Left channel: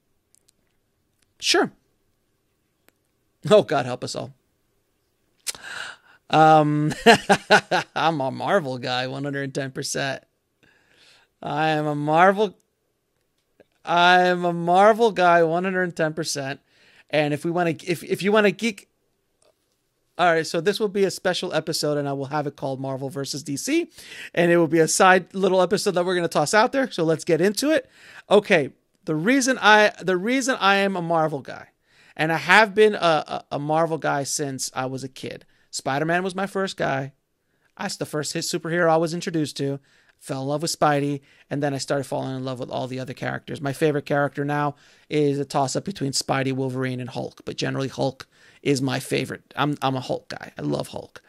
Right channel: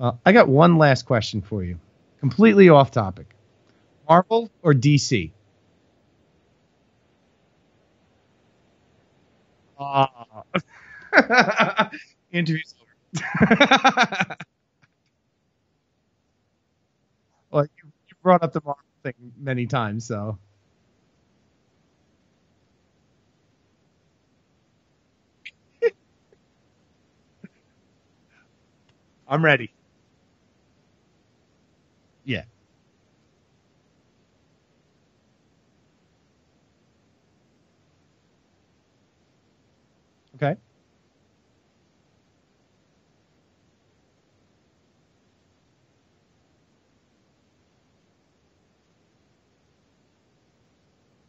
I got one last question for Sure. you. Completely off topic. Oh, God help us all. Marvel or DC? I'm a Marvel guy, 110%. I am a Marvel. Interview's I am a Marvel guy, 110%. And if we want to, if you want to geek, thing many times. So. all right. So this will be a special episode, and I will have it called Marvel versus DC, and it will be a side little episode that we're going to toss out there. So let's get into it. Okay. The reason I am a Marvel guy, and I have been a Marvel guy since I was a kid. Spider-Man was my first guy. That's the first hit superhero I was introduced to. Fell in love with Spidey, and then I started falling in love with all the other characters. My favorite character now is a toss-up between Spidey, Wolverine, and Hulk, but generally Hulk is my favorite. I'm a Hulk guy. I love Hulk.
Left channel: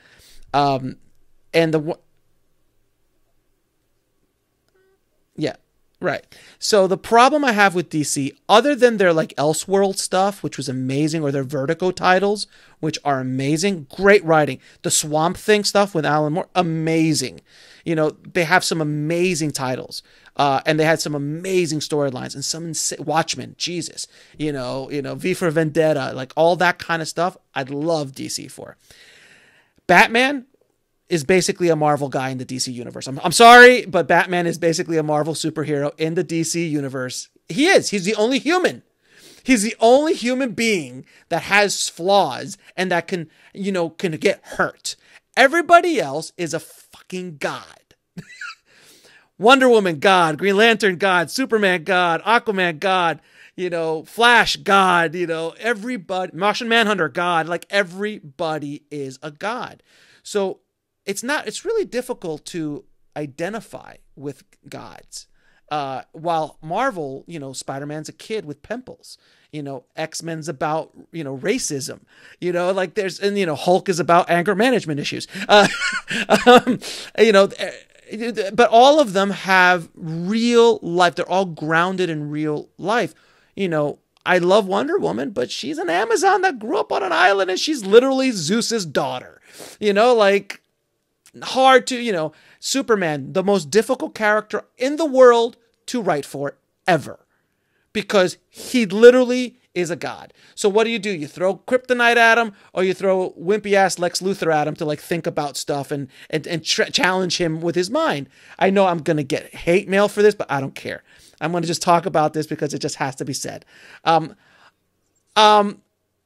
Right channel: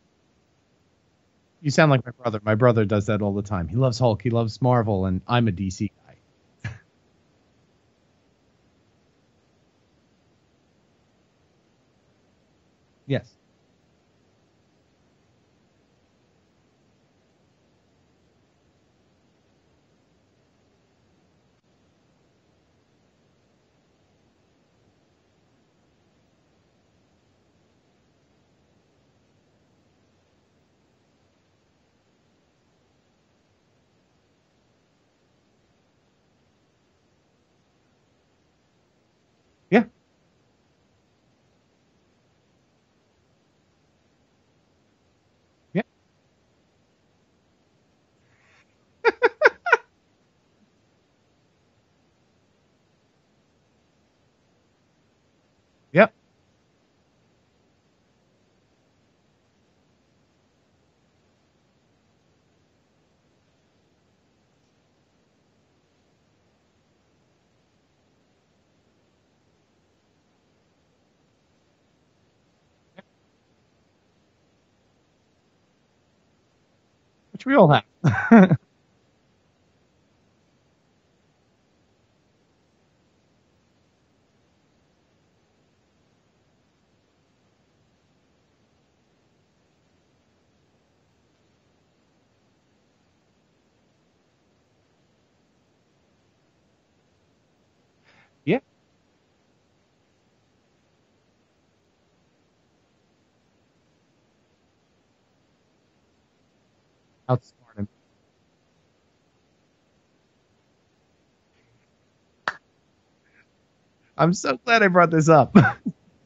And you sound like my brother. My brother does that all the time. He loves Hulk. He loves Marvel, and I'm a DC. Right. So the problem I have with DC, other than their like Elseworld stuff, which was amazing, or their Vertigo titles, which are amazing, great writing. The Swamp Thing stuff with Alan Moore, amazing. You know, they have some amazing titles, and they had some amazing storylines, and some Watchmen, Jesus, you know, V for Vendetta, like all that kind of stuff. I'd love DC for. Batman is basically a Marvel guy in the DC universe. I'm sorry, but Batman is basically a Marvel superhero in the DC universe. He is. He's the only human. He's the only human being that has flaws and that can get hurt. Everybody else is a fucking god. Wonder Woman, God. Green Lantern, God. Superman, God. Aquaman, God. Flash, God. Everybody. Martian Manhunter, God. Like, everybody is a god. So it's really difficult to identify with gods. While Marvel, Spider-Man's a kid with pimples. X-Men's about, racism, Hulk is about anger management issues. But all of them have real life. They're all grounded in real life. I love Wonder Woman, but she's an Amazon that grew up on an island, and she's literally Zeus's daughter. Hard to, Superman, the most difficult character in the world to write for ever. Because he literally is a god. So what do? You throw kryptonite at him, or you throw wimpy ass Lex Luthor at him to like think about stuff and challenge him with his mind. I know I'm gonna get hate mail for this, but I don't care. I'm gonna just talk about this because it just has to be said. I'm so glad I brought this up.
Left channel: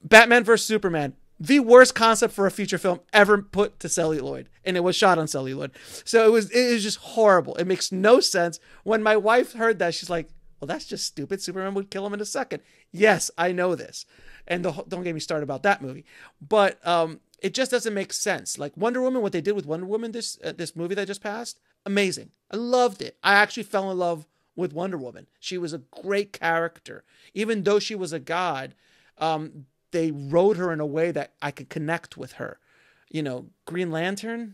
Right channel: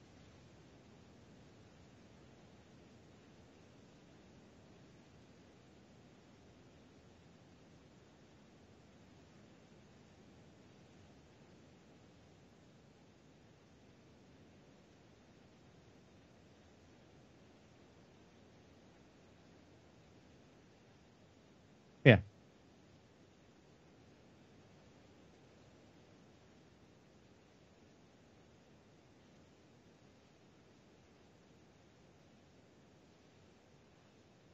Batman versus Superman, the worst concept for a feature film ever put to celluloid, and it was shot on celluloid. So it was just horrible. It makes no sense. When my wife heard that, she's like, well, that's just stupid. Superman would kill him in a second. Yes, I know this. And don't get me started about that movie. But it just doesn't make sense. Like Wonder Woman, what they did with Wonder Woman, this movie that just passed, amazing. Yeah. I loved it. I actually fell in love with Wonder Woman. She was a great character. Even though she was a god, they wrote her in a way that I could connect with her. Green Lantern,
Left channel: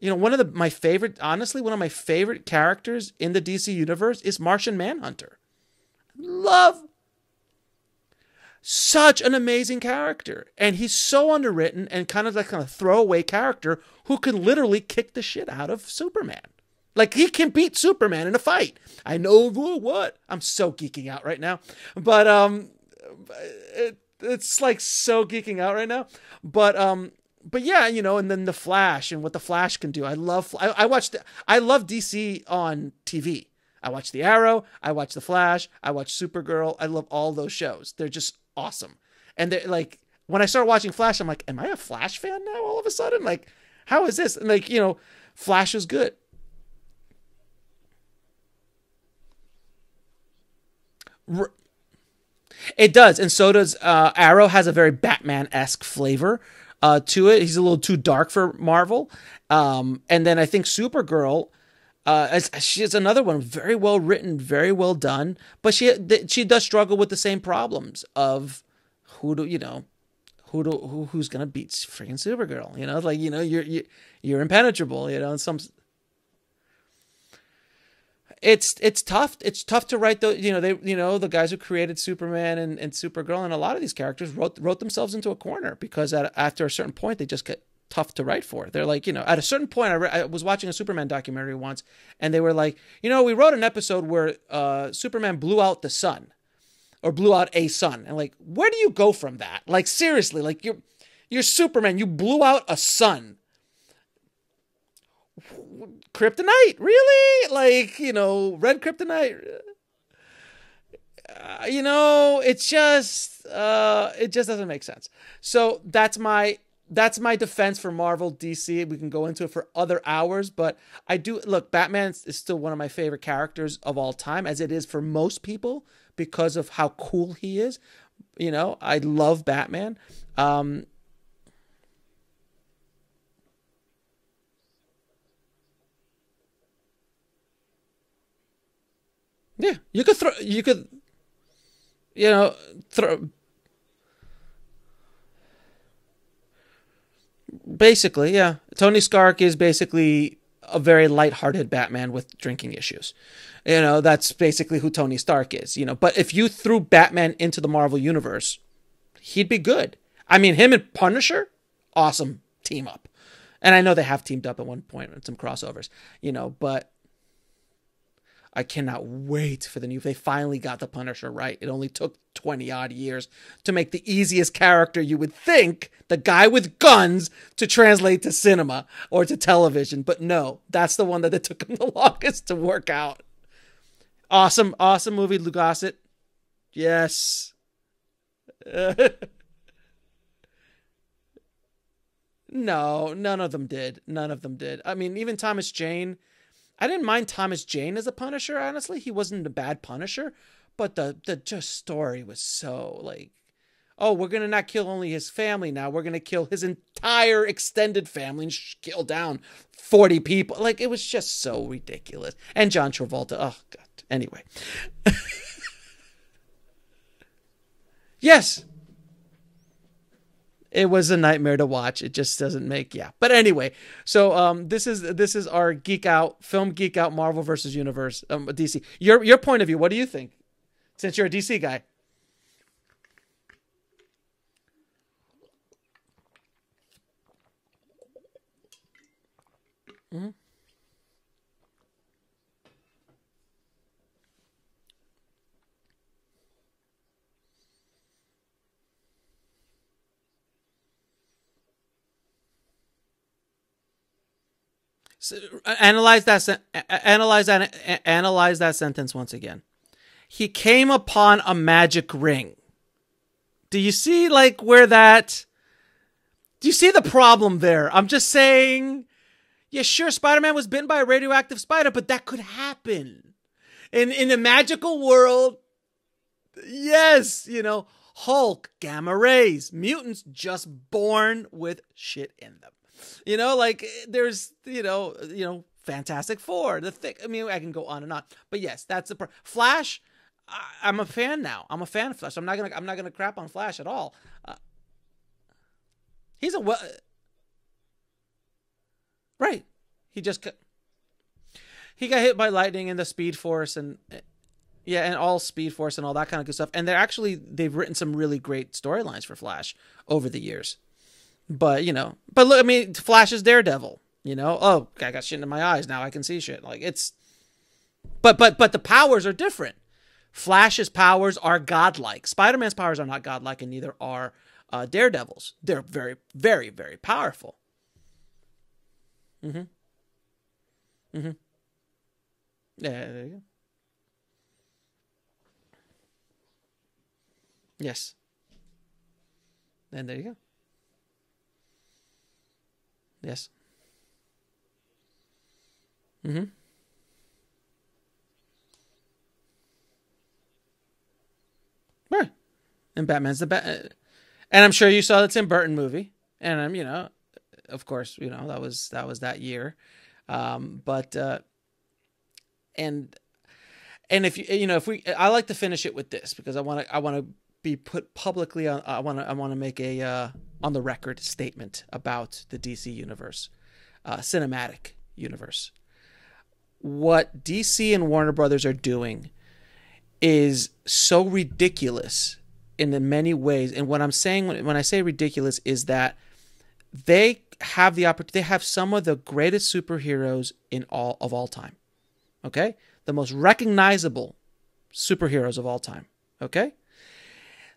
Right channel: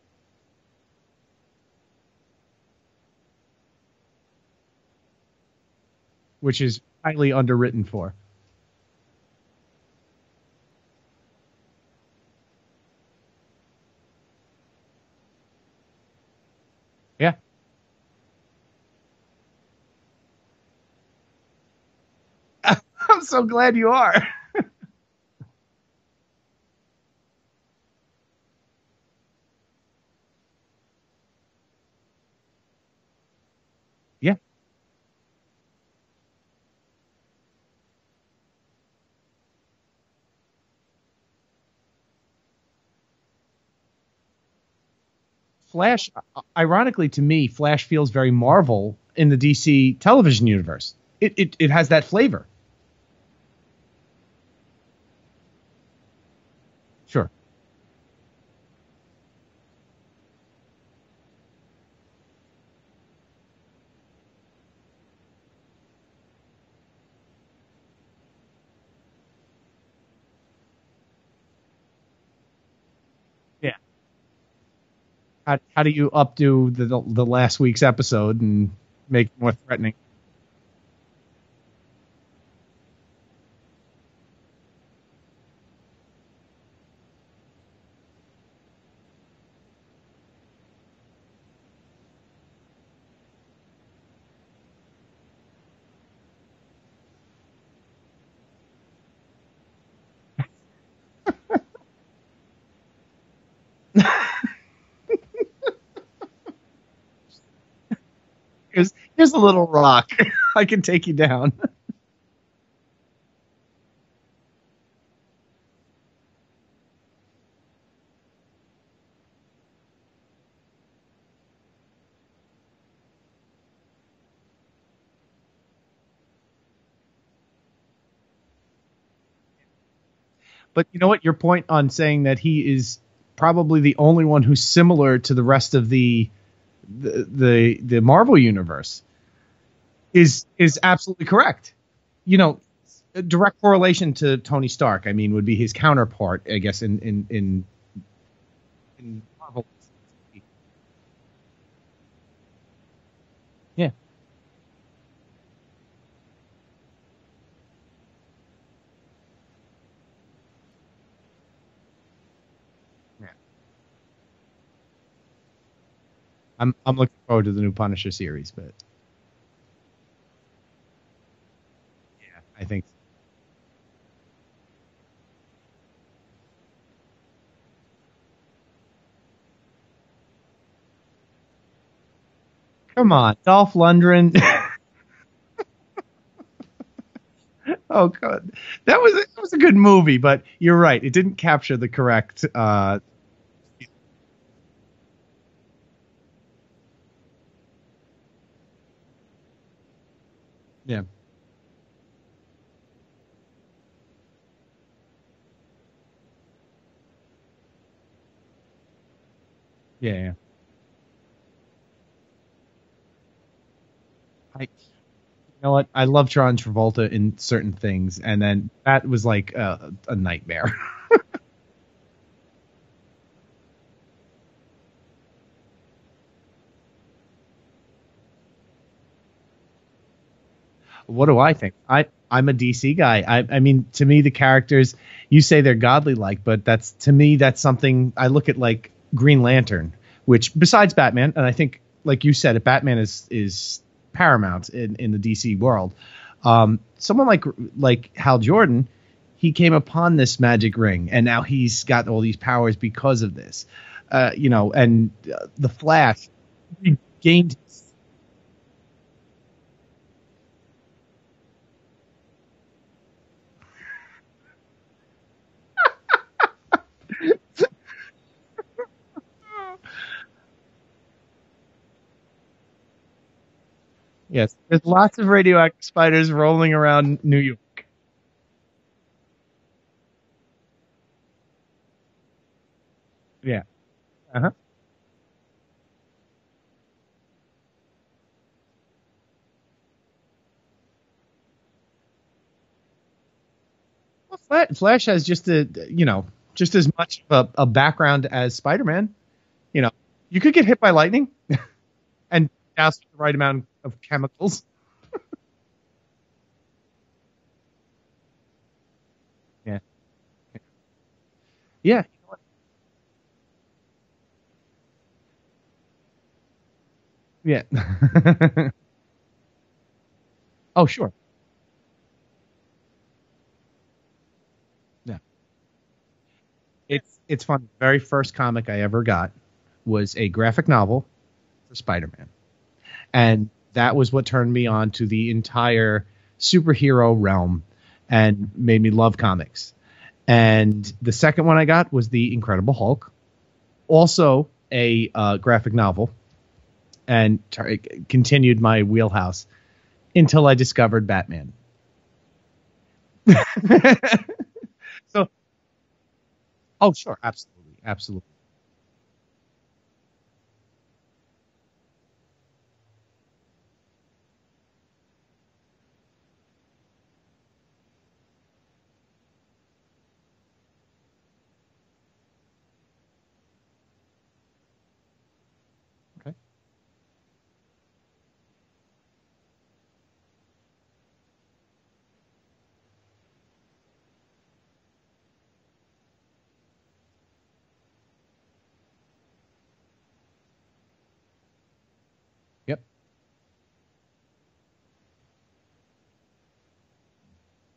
one of my favorite characters in the DC universe is Martian Manhunter. Which is highly underwritten for. Such an amazing character. And he's so underwritten and kind of like a throwaway character who can literally kick the shit out of Superman. Like, he can beat Superman in a fight. I know what. I'm so geeking out right now. But I'm so glad you are. It's like so geeking out right now. But yeah, and then the Flash and what the Flash can do. I love DC on TV. I watch The Arrow. I watch The Flash. I watch Supergirl. I love all those shows. They're just awesome. And they're like, when I started watching Flash, I'm like, am I a Flash fan now all of a sudden? Like, how is this? And like, Flash is good. Ironically to me, Flash feels very Marvel in the DC television universe. It has that flavor. It does. And so does Arrow. Has a very Batman-esque flavor to it. He's a little too dark for Marvel. And then I think Supergirl, she's another one, very well written, very well done, but she does struggle with the same problems of who's gonna beat freaking Supergirl? You're impenetrable. How do you updo the last week's episode? It's tough. It's tough to write the guys who created Superman and Supergirl and a lot of these characters wrote themselves into a corner because after a certain point they just get tough to write for. They're like, at a certain point, I was watching a Superman documentary once, and they were like, we wrote an episode where Superman blew out the sun, or blew out a sun. And like, where do you go from that? Like, seriously, like you're Superman. You blew out a sun. Kryptonite, really? Like, red kryptonite. Here's a little rock. I can take you down. It just doesn't make sense. So that's my defense for Marvel, DC. We can go into it for other hours, but I do look. Batman is still one of my favorite characters of all time, as it is for most people because of how cool he is. I love Batman. But you know what? Your point on saying that he is probably the only one who's similar to the rest of the Marvel universe. Yeah, is absolutely correct. Direct correlation to Tony Stark. I mean, would be his counterpart, I guess. In basically, yeah, Tony Stark is basically a very lighthearted Batman with drinking issues. That's basically who Tony Stark is. But if you threw Batman into the Marvel universe, he'd be good. I mean, him and Punisher, awesome team up. And I know they have teamed up at one point in some crossovers, but I'm looking forward to the new Punisher series. I cannot wait for the new. They finally got the Punisher right. It only took 20 odd years to make the easiest character you would think, the guy with guns, to translate to cinema or to television. But no, that's the one that it took them the longest to work out. Come on, Dolph Lundgren. Awesome movie, Lou Gossett. Yes. Oh god, that was a good movie, but you're right, it didn't capture the correct. No, none of them did. I mean, even Thomas Jane. I didn't mind Thomas Jane as a Punisher. Honestly, he wasn't a bad Punisher, but the just story was so like, oh, we're gonna not kill only his family now, we're gonna kill his entire extended family and kill down 40 people. Like, it was just so ridiculous. And John Travolta. Oh god. Anyway. You know what? I love John Travolta in certain things, yes. And then that was like a nightmare. It was a nightmare to watch. It just doesn't make But anyway, so this is our film geek out Marvel versus Universe DC. Your point of view. What do you think? Since you're a DC guy, I'm a DC guy. I mean, to me, the characters, you say they're godly like, but that's something I look at, like Green Lantern, which besides Batman, and I think like you said, Batman is paramount in the DC world. Someone like Hal Jordan, he came upon this magic ring, and now he's got all these powers because of this. And analyze that sentence once again. He came upon a magic ring. Do you see where that? Do you see the problem there? I'm just saying. Yeah, sure, Spider-Man was bitten by a radioactive spider, but that could happen. In a magical world, lots of radioactive spiders rolling around New York. Hulk, gamma rays, mutants just born with shit in them. There's Fantastic Four, the Thing. I mean, I can go on and on, but yes, that's the Flash. I'm a fan now. I'm a fan of Flash. I'm not gonna crap on Flash at all. Flash has just as much of a background as Spider-Man. Right. You could get hit by lightning. He got hit by lightning and the Speed Force and chemicals. Yeah, and all Speed Force and all that kind of good stuff. And they've written some really great storylines for Flash over the years. But but look, I mean, Flash is Daredevil. Oh, I got shit in my eyes now. I can see shit. Like it's but the powers are different. Flash's powers are godlike. Spider-Man's powers are not godlike, and neither are Daredevil's. They're very, very, very powerful. It's fun. The very first comic I ever got was a graphic novel. Spider-Man, and that was what turned me on to the entire superhero realm. Yes, and made me love comics. And there you go. And the second one I got was the Incredible Hulk. Yes, also a graphic novel, and continued my wheelhouse until I discovered Batman. Right, and Batman's the Batman. And I'm sure you saw the Tim Burton movie, and I'm sure, absolutely, of course, absolutely. that was that year, And if I like to finish it with this because I want to be put publicly on. I want to make a on the record statement about the DC universe, cinematic universe. Okay. What DC and Warner Brothers are doing is so ridiculous in many ways. And what I'm saying when I say ridiculous is that they have the opportunity. They have some of the greatest superheroes of all time. Okay? Yep. The most recognizable superheroes of all time. Okay?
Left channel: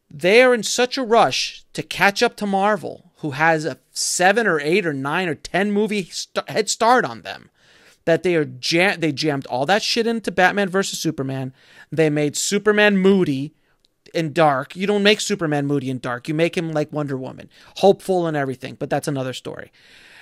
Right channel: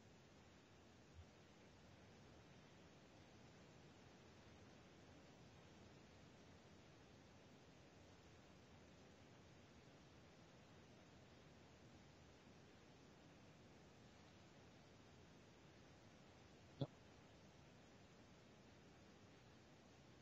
They are in such a rush to catch up to Marvel, who has a 7 or 8 or 9 or 10 movie head start on them, that they jammed all that shit into Batman versus Superman. They made Superman moody and dark. You don't make Superman moody and dark. You make him like Wonder Woman, hopeful and everything, but that's another story.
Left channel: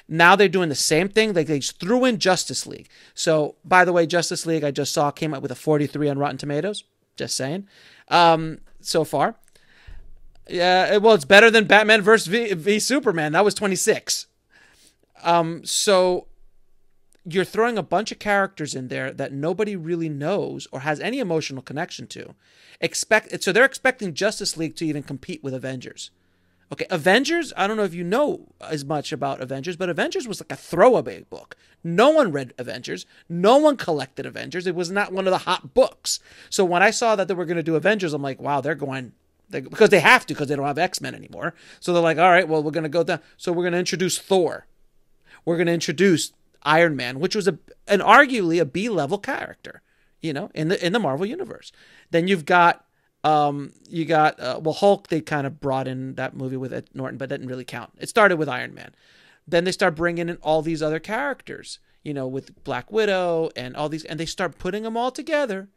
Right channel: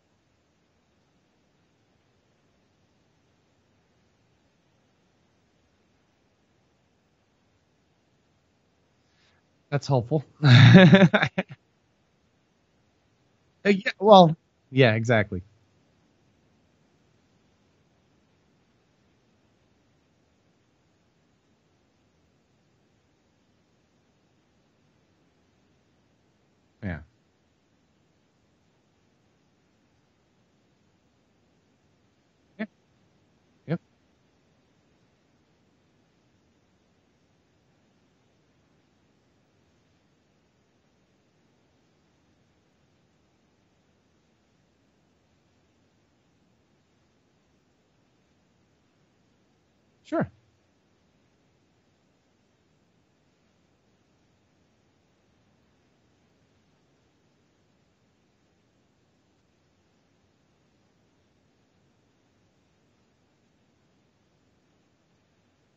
Now they're doing the same thing. They threw in Justice League. So, by the way, Justice League, I just saw, came up with a 43 on Rotten Tomatoes. Just saying. So far. That's hopeful. Yeah, well, it's better than Batman versus v Superman. That was 26. Well, yeah, exactly. So you're throwing a bunch of characters in there that nobody really knows or has any emotional connection to. So they're expecting Justice League to even compete with Avengers. Okay, yeah. Avengers, I don't know if you know as much about Avengers, but Avengers was like a throwaway book. No one read Avengers. No one collected Avengers. It was not one of the hot books. So when I saw that they were going to do Avengers, I'm like, wow, because they have to, because they don't have X-Men anymore. So they're like, all right, well, we're going to go down. So we're going to introduce Thor. We're going to introduce Iron Man, which was an arguably a B-level character, sure, in the Marvel universe. Then you've got Hulk. They kind of brought in that movie with Ed Norton, but that didn't really count. It started with Iron Man. Then they start bringing in all these other characters, with Black Widow and all these, and they start putting them all together.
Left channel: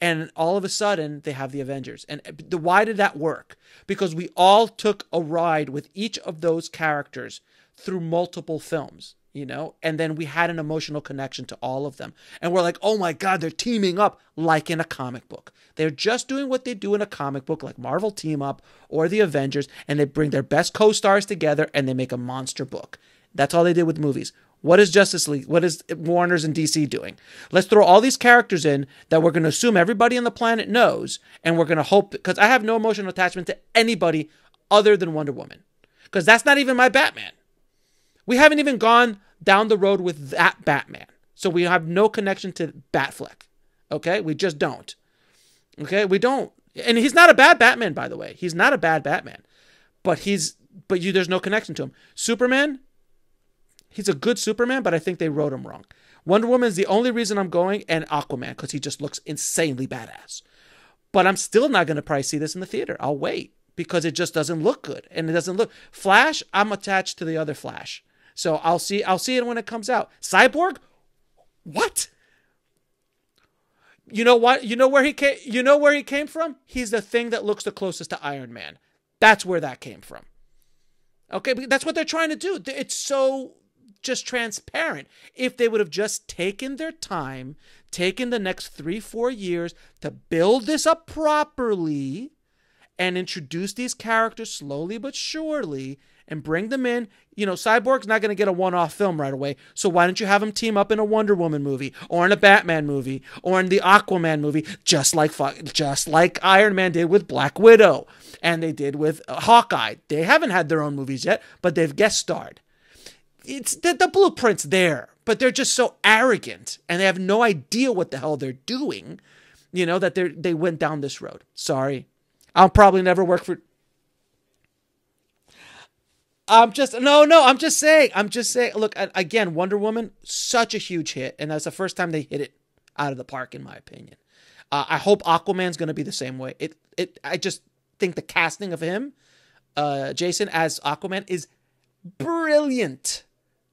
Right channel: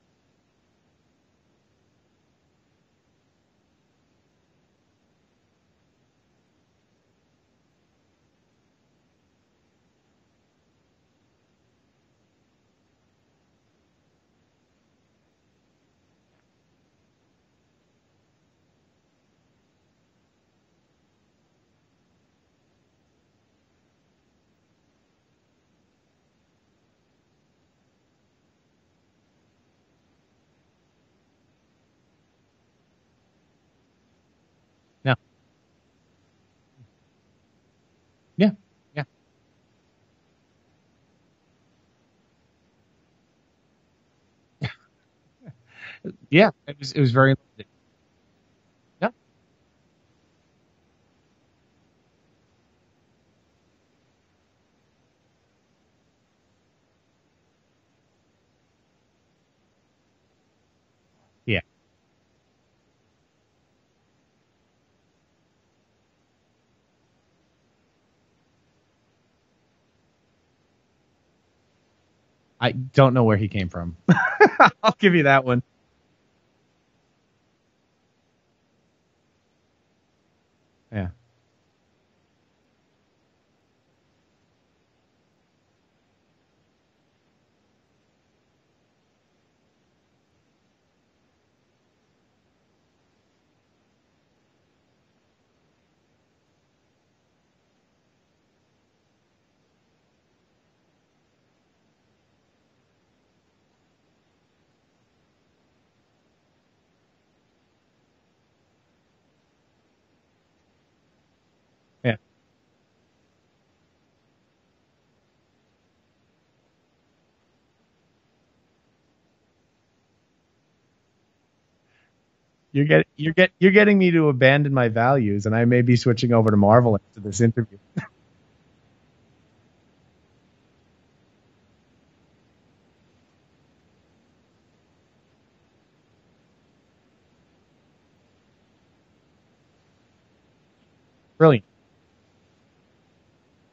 And all of a sudden, they have the Avengers. And why did that work? Because we all took a ride with each of those characters through multiple films, and then we had an emotional connection to all of them. And we're like, oh my God, they're teaming up like in a comic book. They're just doing what they do in a comic book, like Marvel Team Up or the Avengers, and they bring their best co-stars together and they make a monster book. That's all they did with movies. What is Justice League? What is Warner's and DC doing? Let's throw all these characters in that we're going to assume everybody on the planet knows, and we're going to hope, because I have no emotional attachment to anybody other than Wonder Woman, because that's not even my Batman. We haven't even gone down the road with that Batman, so we have no connection to Batfleck. Okay, we just don't. Okay, we don't. Yeah, and he's not a bad Batman, by the way. He's not a bad Batman, but there's no connection to him. Superman. He's a good Superman, but I think they wrote him wrong. Wonder Woman is the only reason I'm going, and Aquaman, because he just looks insanely badass. But I'm still not going to probably see this in the theater. I'll wait, because it just doesn't look good. And it doesn't look... Flash, I'm attached to the other Flash. So I'll see it when it comes out. Cyborg? What? I don't know where he came from. You know what? You know where You know where he came from? He's the thing that looks the closest to Iron Man. That's where that came from. Yeah. Okay, but that's what they're trying to do. It's so... just transparent. If they would have just taken their time, taken the next 3-4 years to build this up properly and introduce these characters slowly but surely and bring them in. Cyborg's not going to get a one-off film right away, so why don't you have him team up in a Wonder Woman movie or in a Batman movie or in the Aquaman movie, just like Iron Man did with Black Widow and they did with Hawkeye. They haven't had their own movies yet, but they've guest starred. It's the blueprint's there, but they're just so arrogant and they have no idea what the hell they're doing, that they went down this road. Sorry. I'll probably never work for... You're getting me to abandon my values, and I may be switching over to Marvel. I'm just saying. Look, again, Wonder Woman, such a huge hit, and that's the first time they hit it out of the park, in my opinion. I hope Aquaman's going to be the same way. I just think the casting of him, Jason, as Aquaman is brilliant.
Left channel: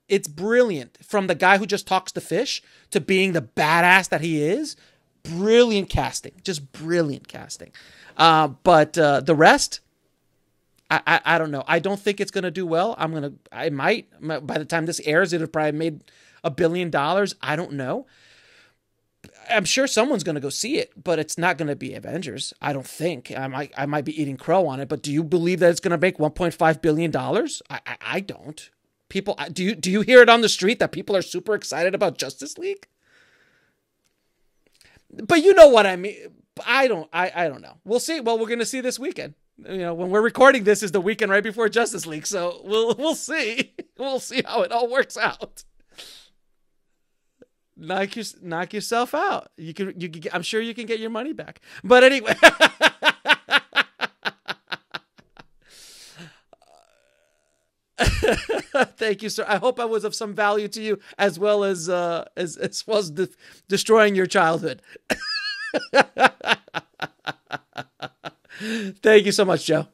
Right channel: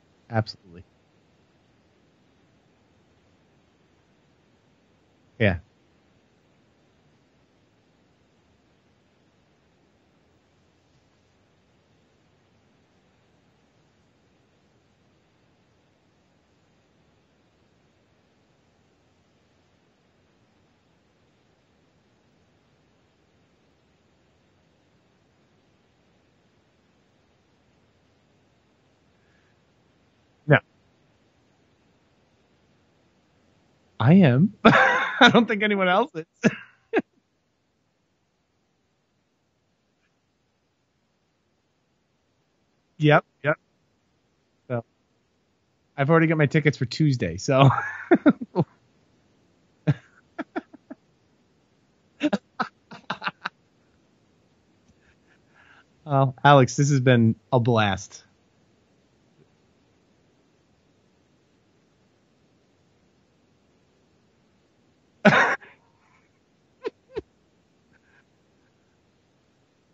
It's brilliant. From the guy who just talks to fish to being the badass that he is. Brilliant casting. Just brilliant casting. But the rest, I don't know. I don't think it's going to do well. I might. By the time this airs, it have probably made $1 billion. I don't know. I'm sure someone's going to go see it, but it's not going to be Avengers. I don't think. I might be eating crow on it, but do you believe that it's going to make $1.5 billion? I don't. People, do you hear it on the street that people are super excited about Justice League? I am. But you know what I mean. I don't know. We'll see. Well, we're going to see this weekend. When we're recording this is the weekend right before Justice League, so we'll see. Yep. We'll see how it all works out. I've already got my tickets for Tuesday, so knock yourself out. I'm sure you can get your money back. But anyway. Well, Alex, this has been a blast. Thank you, sir. I hope I was of some value to you, as well as destroying your childhood. Thank you so much, Joe.